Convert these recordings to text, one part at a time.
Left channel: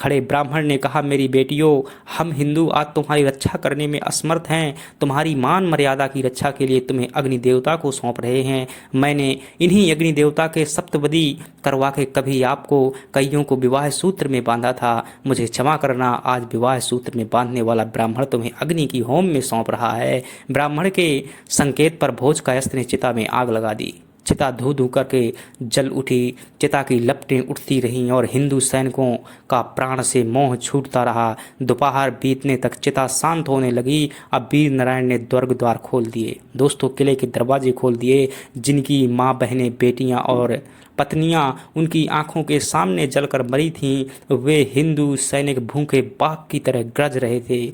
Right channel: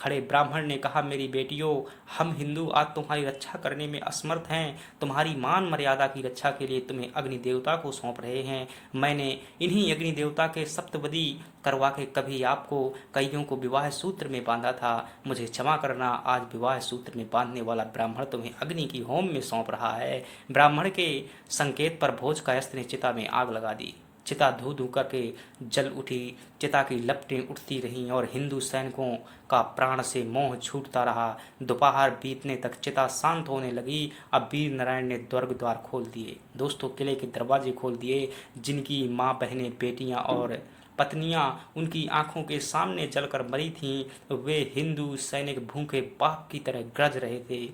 खड़े ब्राह्मण ने कहा, मेरी बेटियों, हम हिंदू आज तुम्हारी रक्षा करने में असमर्थ हैं। तुम्हारी मान मर्यादा की रक्षा के लिए तुम्हें अग्नि देवता को सौंप रहे हैं। मैंने इन्हीं अग्नि देवता के सप्तपदी करवा के कभी आपको कईयों को विवाह सूत्र में बांधा था। मुझे क्षमा करना, आज विवाह सूत्र में बांधने वाला ब्राह्मण तुम्हें अग्नि की होम में सौंप रहा है। ब्राह्मण के संकेत पर भोज कायस्थ ने चिता में आग लगा दी। चिता धू धू करके जल उठी। चिता की लपटें उठती रहीं और हिंदू सैनिकों का प्राण से मोह छूटता रहा। दोपहर बीतने तक चिता शांत होने लगी। अब वीर नारायण ने दुर्ग द्वार खोल दिए। दोस्तों, किले के दरवाजे खोल दिए। जिनकी माँ, बहनें, बेटियां और पत्नियां उनकी आंखों के सामने जलकर मरी थीं, वे हिंदू सैनिक भूखे बाघ की तरह गरज रहे थे।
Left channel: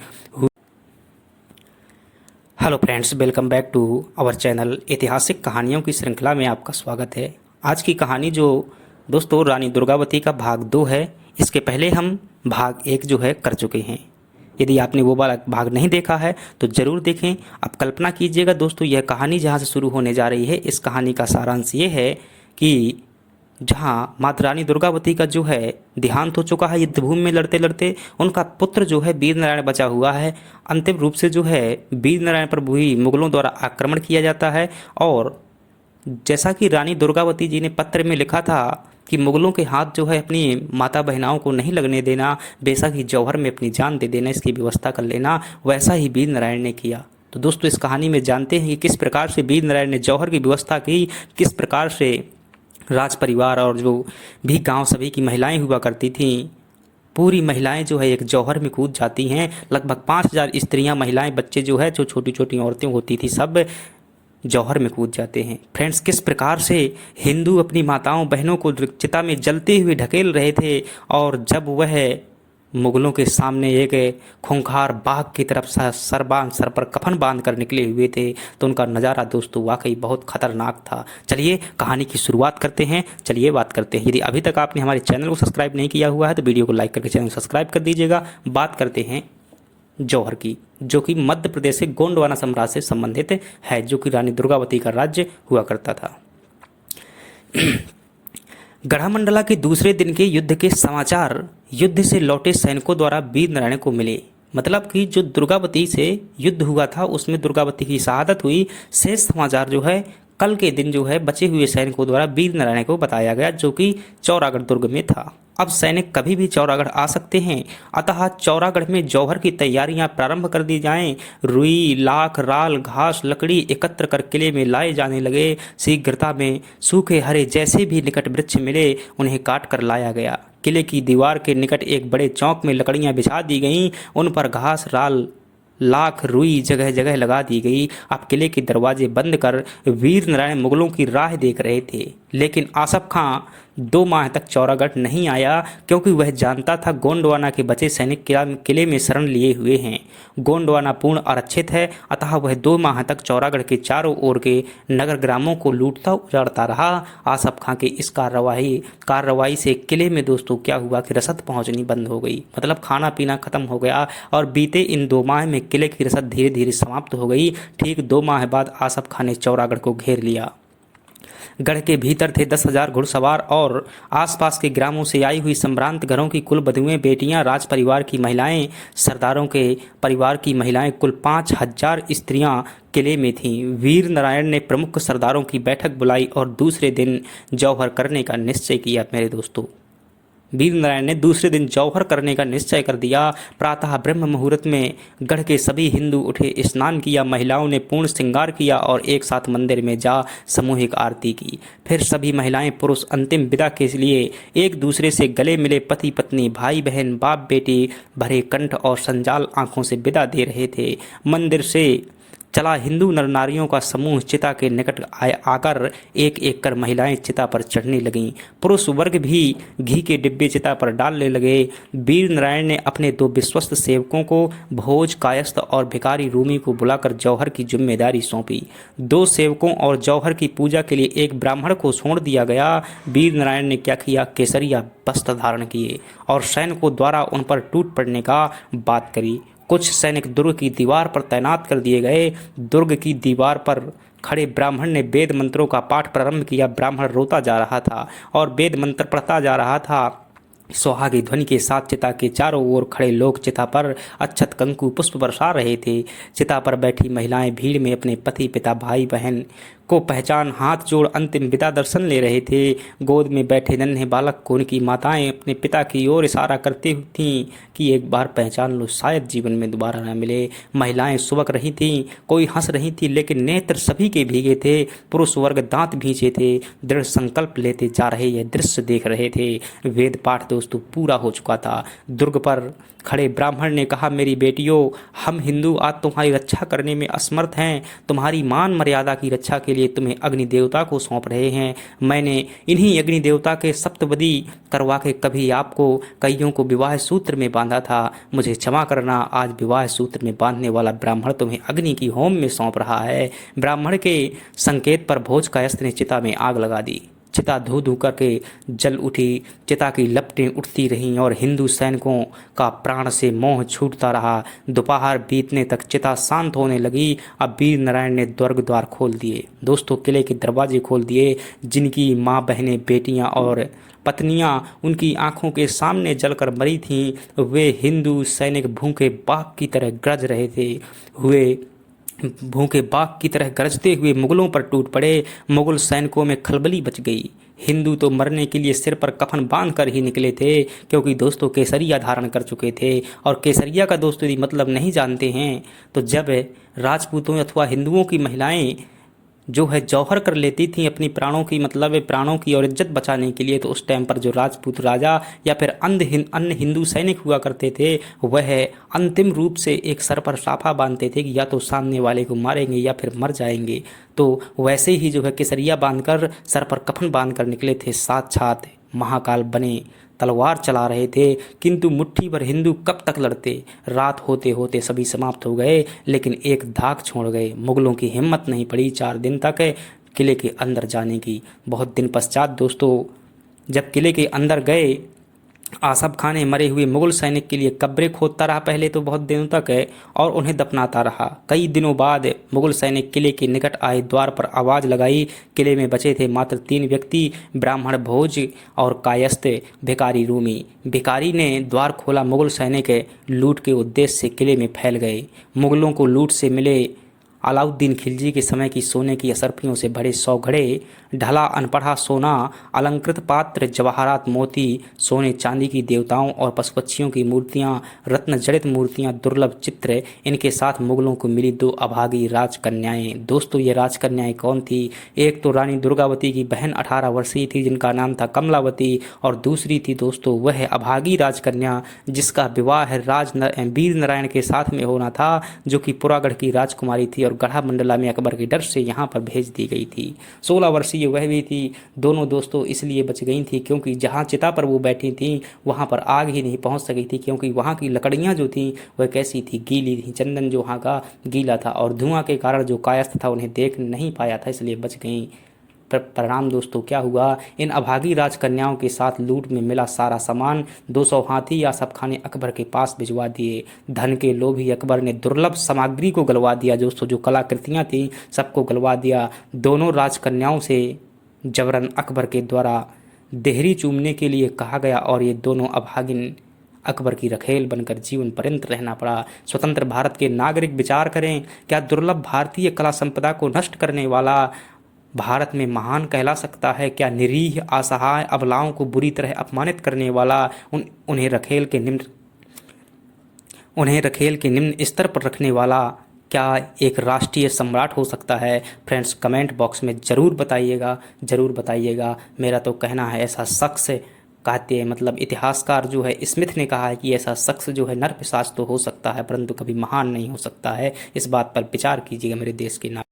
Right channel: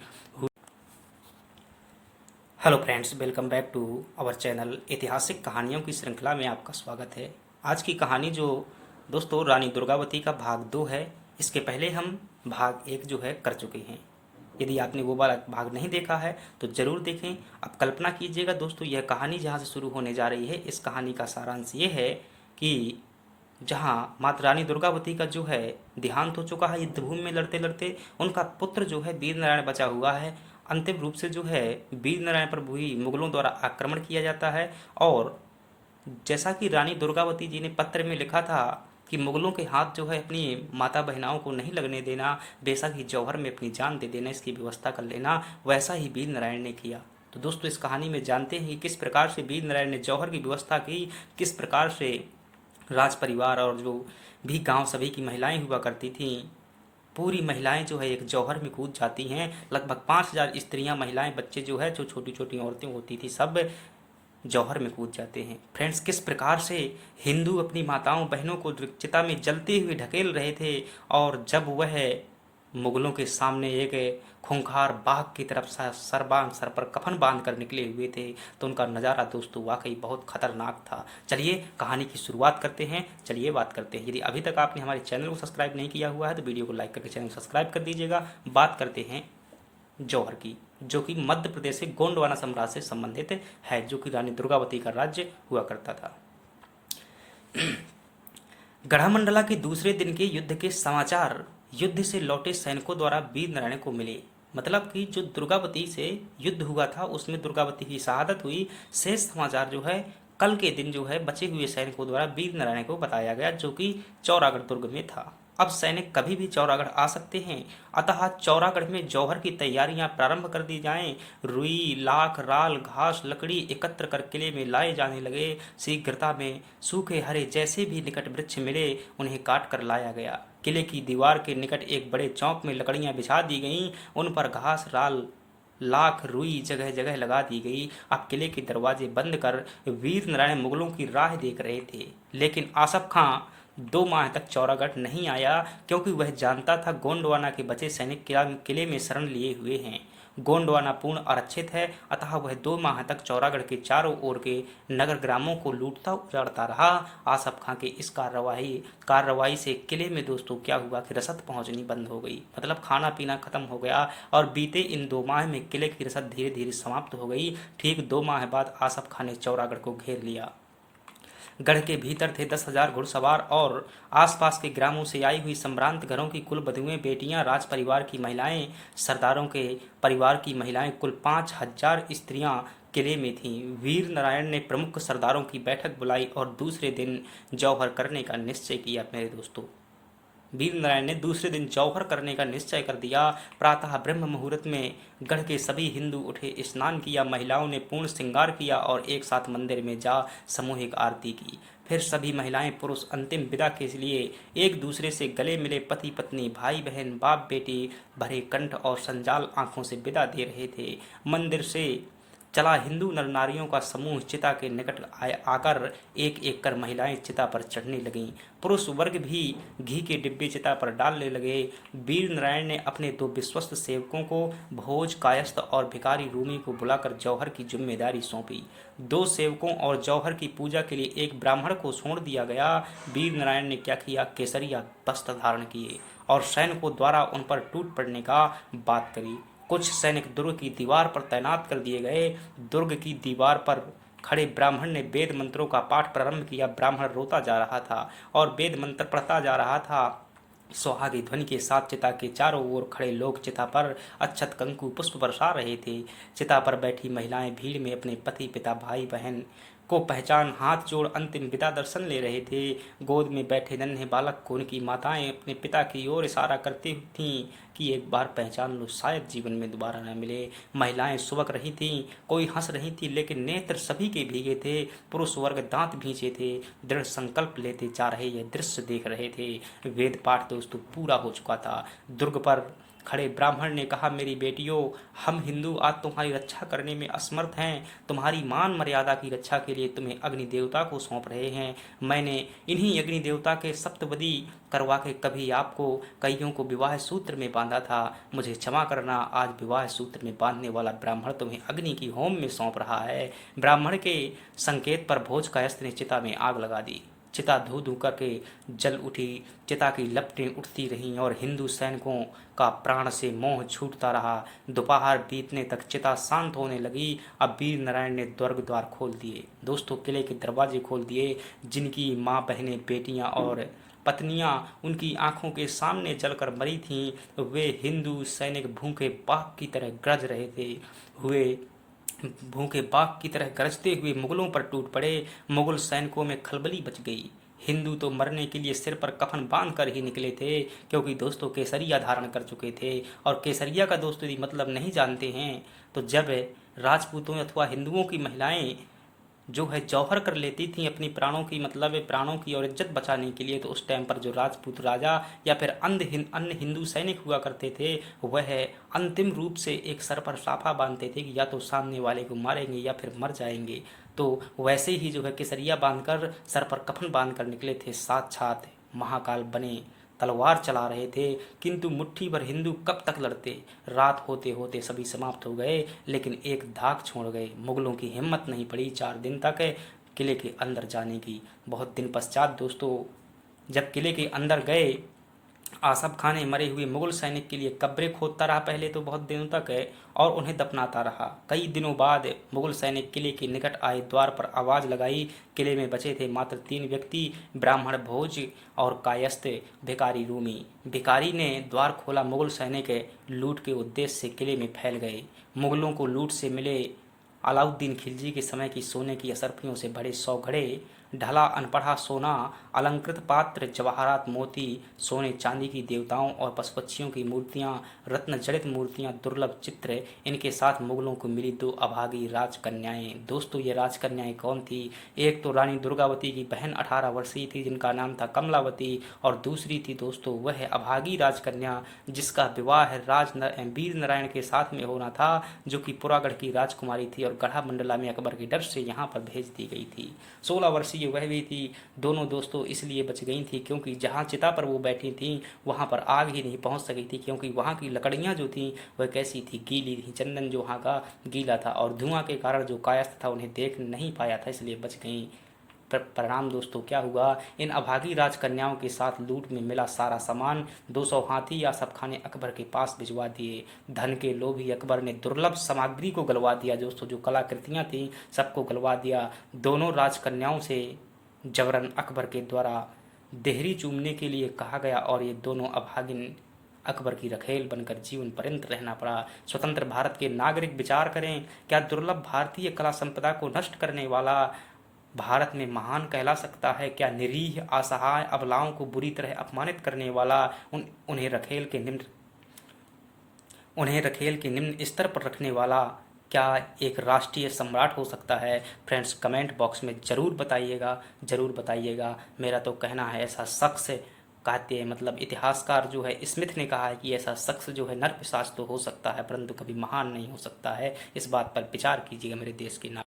Hello friends, welcome back to our channel. ऐतिहासिक कहानियों की श्रृंखला में आपका स्वागत है। आज की कहानी जो दोस्तों रानी दुर्गावती का भाग 2 है। इसके पहले हम भाग 1 जो है कर चुके हैं। यदि आपने वो वाला भाग नहीं देखा है तो ज़रूर देखें। आप कल्पना कीजिएगा दोस्तों, यह कहानी जहाँ से शुरू होने जा रही है, इस कहानी का सारांश ये है कि जहाँ माता रानी दुर्गावती का जो है देहांत हो चुका है युद्धभूमि में लड़ते लड़ते, उनका पुत्र जो है वीर नारायण बचा हुआ है। अंतिम रूप से जो है वीर नारायण पर भी मुगलों द्वारा आक्रमण किया जाता है। और जैसा कि रानी दुर्गावती जी ने पत्र में लिखा था कि मुगलों के हाथ जो है अपनी माता बहनाओं को नहीं लगने देना, बेशक ही जौहर में अपनी जान दे देना, इसकी व्यवस्था कर लेना, वैसा ही वीर नारायण ने किया। तो दोस्तों, इस कहानी में जानते हैं कि किस प्रकार से वीर नारायण ने जौहर की व्यवस्था की, किस प्रकार से राज परिवार और जो भी गांव सभी की महिलाएं हुआ करती थीं, पूरी महिलाएं जो है एक जौहर में कूद जाती हैं। लगभग 5000 स्त्रियां, महिलाएं, बच्चे जो है, जो छोटी छोटी औरतें होती थी, सब जौहर में कूद जाते हैं। फ्रेंड्स, किस प्रकार से हिंदू अपनी माताओं बहनों को चिता में जलते हुए ढकेल रहे थे, और जब वह मुगलों के सामने एक खूंखार बाघ की तरफ सर पर कफन बांध कर निकले हुए थे, तो उनका नज़ारा दोस्तों वाकई बहुत खतरनाक था। चलिए कहानी की शुरुआत करते हैं। चलिए बात करते हैं। यदि अभी तक आपने हमारे चैनल को सब्सक्राइब नहीं किया हुआ है तो वीडियो को लाइक करके चैनल को सब्सक्राइब कर दीजिएगा। बात करते हैं जौहर की, जो कि मध्य प्रदेश से गोंडवाना साम्राज्य से संबंधित है, जो कि रानी दुर्गावती का राज्य हुआ करता था। गढ़ामंडला के दूसरे दिन के युद्ध के समाचार युद्ध से लौटे सैनिकों द्वारा वीर नारायण को मिले। मतलब कि जो दुर्गावती से युद्ध हुआ था उसमें दुर्गावती की शहादत हुई, शेष समाचार जो है कल के दिन जो है बचे हुए सैनिकों द्वारा वीर नारायण को बताया गया, जो कि चौरागढ़ दुर्ग में था। अब सैनिक कभी भी चौरागढ़ आ सकते हैं, अतः चौरागढ़ में जौहर की तैयारियां प्रारंभ कर दी जाएं। रुई, लाख, राल, घास, लकड़ी एकत्र कर किले में लाए जाने लगे। शीघ्रता में सूखे हरे जैसे भी निकट वृक्ष मिले, उन्हें काट कर लाया गया। किले की दीवार के निकट एक बड़े चौक में लकड़ियां बिछा दी गईं, उन पर घास, राल, लाख, रुई जगह जगह लगा दी गई। अब किले के दरवाजे बंद कर वीर नारायण मुगलों की राह देख रहे थे। लेकिन आसफ खां 2 माह तक चौरागढ़ नहीं आया, क्योंकि वह जानता था गोंडवाना के बचे सैनिक किले में शरण लिए हुए हैं। गोंडवाना पूर्ण आरक्षित है, अतः वह 2 माह तक चौरागढ़ के चारों ओर के नगर ग्रामों को लूटता उजाड़ता रहा। आसफ खां के इस कार्रवाई से किले में दोस्तों क्या हुआ कि रसद पहुंचनी बंद हो गई। मतलब खाना पीना खत्म हो गया, और बीते इन 2 माह में किले की रसद धीरे धीरे समाप्त हो गई। ठीक 2 माह बाद आसफ खां ने चौरागढ़ को घेर लिया। गढ़ के भीतर थे 10,000 घुड़सवार और आसपास के ग्रामों से आई हुई संभ्रांत घरों की कुल बधुएं, बेटियां, राज परिवार की महिलाएं, सरदारों के परिवार की महिलाएं, कुल 5,000 स्त्रियां किले में थीं। वीर नारायण ने प्रमुख सरदारों की बैठक बुलाई और दूसरे दिन जौहर करने का निश्चय किया। मेरे दोस्तों, वीर नारायण ने दूसरे दिन जौहर करने का निश्चय कर दिया। प्रातः ब्रह्म मुहूर्त में गढ़ के सभी हिंदू उठे, स्नान किया, महिलाओं ने पूर्ण श्रृंगार किया और एक साथ मंदिर में जा सामूहिक आरती की। फिर सभी महिलाएं पुरुष अंतिम विदा के लिए एक दूसरे से गले मिले पति पत्नी, भाई बहन, बाप बेटी भरे कंठ और संजाल आंखों से विदा दे रहे थे। मंदिर से चला हिंदू नर नारियों का समूह चिता के निकट आकर एक एक कर महिलाएं चिता पर चढ़ने लगीं। पुरुष वर्ग भी घी के डिब्बे चिता पर डालने लगे। वीर नारायण ने अपने 2 विश्वस्त सेवकों को, भोज कायस्थ और भिखारी रूमी को बुलाकर जौहर की जिम्मेदारी सौंपी। 2 सेवकों और जौहर की पूजा के लिए एक ब्राह्मण को छोड़ दिया गया। वीर नारायण ने क्या किया, केसरिया वस्त्र धारण किए और सैनिकों द्वारा उन पर टूट पड़ने का बात करी। कुछ सैनिक दुर्ग की दीवार पर तैनात कर दिए गए। दुर्ग की दीवार पर खड़े ब्राह्मण ने वेद मंत्रों का पाठ प्रारंभ किया। ब्राह्मण रोता जा रहा था और वेद मंत्र पढ़ता जा रहा था। सुहागी ध्वनि के साथ चिता के चारों ओर खड़े लोग चिता पर अक्षत कंकु पुष्प बरसा रहे थे। चिता पर बैठी महिलाएं भीड़ में अपने पति पिता भाई बहन को पहचान हाथ जोड़ अंतिम विदा दर्शन ले रहे थे। गोद में बैठे नन्हे बालक को उनकी माताएं अपने पिता की ओर इशारा करती थीं कि एक बार पहचान लो, शायद जीवन में दोबारा न मिले। महिलाएं सुबक रही थीं, कोई हंस रही थी, लेकिन नेत्र सभी के भीगे थे। पुरुष वर्ग दांत भींचे थे, दृढ़ संकल्प लेते जा रहे यह दृश्य देख रहे थे। वेद पाठ दोस्तों पूरा हो चुका था। दुर्ग पर खड़े ब्राह्मण ने कहा, मेरी बेटियों, हम हिंदू आज तुम्हारी रक्षा करने में असमर्थ हैं। तुम्हारी मान मर्यादा की रक्षा के लिए तुम्हें अग्नि देवता को सौंप रहे हैं। मैंने इन्हीं अग्नि देवता के सप्तपदी करवा के कभी आपको कईयों को विवाह सूत्र में बांधा था। मुझे क्षमा करना, आज विवाह सूत्र में बांधने वाला ब्राह्मण तुम्हें अग्नि की होम में सौंप रहा है। ब्राह्मण के संकेत पर भोज कायस्थ ने चिता में आग लगा दी। चिता धू धू करके जल उठी। चिता की लपटें उठती रहीं और हिंदू सैनिकों का प्राण से मोह छूटता रहा। दोपहर बीतने तक चिता शांत होने लगी। अब वीर नारायण ने स्वर्ग द्वार खोल दिए। दोस्तों, किले के दरवाजे खोल दिए। जिनकी माँ बहनें बेटियां और पत्नियां उनकी आंखों के सामने जलकर मरी थीं, वे हिंदू सैनिक भूखे बाघ की तरह गरज रहे थे। भूखे बाघ की तरह गरजते हुए मुगलों पर टूट पड़े। मुगल सैनिकों में खलबली मच गई। हिंदू तो मरने के लिए सिर पर कफन बांध कर ही निकले थे, क्योंकि दोस्तों केसरिया धारण कर चुके थे। और केसरिया का दोस्तों यदि मतलब नहीं जानते हैं तो जब राजपूतों अथवा हिंदुओं की महिलाएं जो है जौहर कर लेती थी अपनी प्राणों की, मतलब प्राणों की और इज्जत बचाने के लिए, तो उस टाइम पर जो राजपूत राजा या फिर अन्य हिंदू सैनिक हुआ करते थे, वह अंतिम रूप से एक सर पर साफा बांधते थे कि या तो सामने वाले को मारेंगे या फिर मर जाएंगे। तो वैसे ही जो है केसरिया बांधकर सर पर कफन बांधकर निकले थे। साक्षात महाकाल बने तलवार चला रहे थे, किंतु मुट्ठी भर हिंदू कब तक लड़ते। रात होते होते सभी समाप्त हो गए, लेकिन एक धाक छोड़ गए। मुगलों की हिम्मत नहीं पड़ी 4 दिन तक किले के अंदर जाने की। बहुत दिन पश्चात दोस्तों जब किले के अंदर गए, आसफ खान ने मरे हुए मुगल सैनिक के लिए कब्रें खोदता रहा पहले तो बहुत दिनों तक और उन्हें दफनाता रहा। कई दिनों बाद मुगल सैनिक किले के निकट आए, द्वार पर आवाज़ लगाई। किले में बचे थे मात्र 3 व्यक्ति, ब्राह्मण भोज और कायस्थ भिकारी रूमी। भिकारी ने द्वार खोला। मुगल सैनिक लूट के उद्देश्य से किले में फैल गए। मुगलों को लूट से मिले अलाउद्दीन खिलजी के समय की सोने की असरफियों से भरे 100 घड़े, ढला अनपढ़ा सोना, अलंकृत पात्र, जवाहरात मोती, सोने चांदी की देवताओं और पशु पक्षियों की मूर्तियां, रत्न जड़ित मूर्तियां, दुर्लभ चित्र, इनके साथ मुगलों को मिली 2 अभागी राजकन्याएं। दोस्तों ये राजकन्याएं कौन थी? एक तो रानी दुर्गावती की बहन 18 वर्षीय थी जिनका नाम था कमलावती, और दूसरी थी दोस्तों वह अभागी राजकन्या जिसका विवाह वीर नारायण के साथ में होना था, जो कि पुरागढ़ की राजकुमारी थी और गढ़ा मंडला में अकबर के डर से यहाँ पर भेज दी गई थी। 16 वर्षीय वह भी थी। दोनों दोस्तों इसलिए बच गई थी क्योंकि जहाँ चिता पर वो बैठी थी वहाँ पर आग ही नहीं पहुँच सकी थी, क्योंकि वहाँ की लकड़ियाँ जो थी वह कैसी थी, गीली थी। चंदन जो वहाँ का गीला था और धुआं के कारण जो कायस्थ था उन्हें देख नहीं पाया था, इसलिए बच गई। परिणाम दोस्तों क्या हुआ? इन अभागी राजकन्याओं के साथ लूट में मिला सारा सामान 200 हाथी आसफ खान ने अकबर के पास भिजवा दिए। धन के लोभी अकबर ने दुर्लभ सामग्री को गलवा दिया। दोस्तों जो कलाकृतियां थी सबको गलवा दिया। दोनों राजकन्याओं से जबरन अकबर के द्वारा देहरी चूमने के लिए कहा गया और ये दोनों अभागिन अकबर की रखेल बनकर जीवन पर्यंत रहना पड़ा। स्वतंत्र भारत के नागरिक विचार करें, क्या दुर्लभ भारतीय कला संपदा को नष्ट करने वाला भारत में महान कहला सकता है? क्या निरीह असहाय अबलाओं को बुरी तरह अपमानित करने वाला उन्हें रखेल के निम्न स्तर पर रखने वाला क्या एक राष्ट्रीय सम्राट हो सकता है? फ्रेंड्स कमेंट बॉक्स में ज़रूर बताइएगा। मेरा तो कहना है ऐसा शख्स कहते हैं, मतलब इतिहासकार जो है स्मिथ ने कहा है कि ऐसा शख्स जो है नरपिशाच तो हो सकता है परंतु कभी महान नहीं हो सकता है। इस बात पर विचार कीजिएगा मेरे देश के नाम।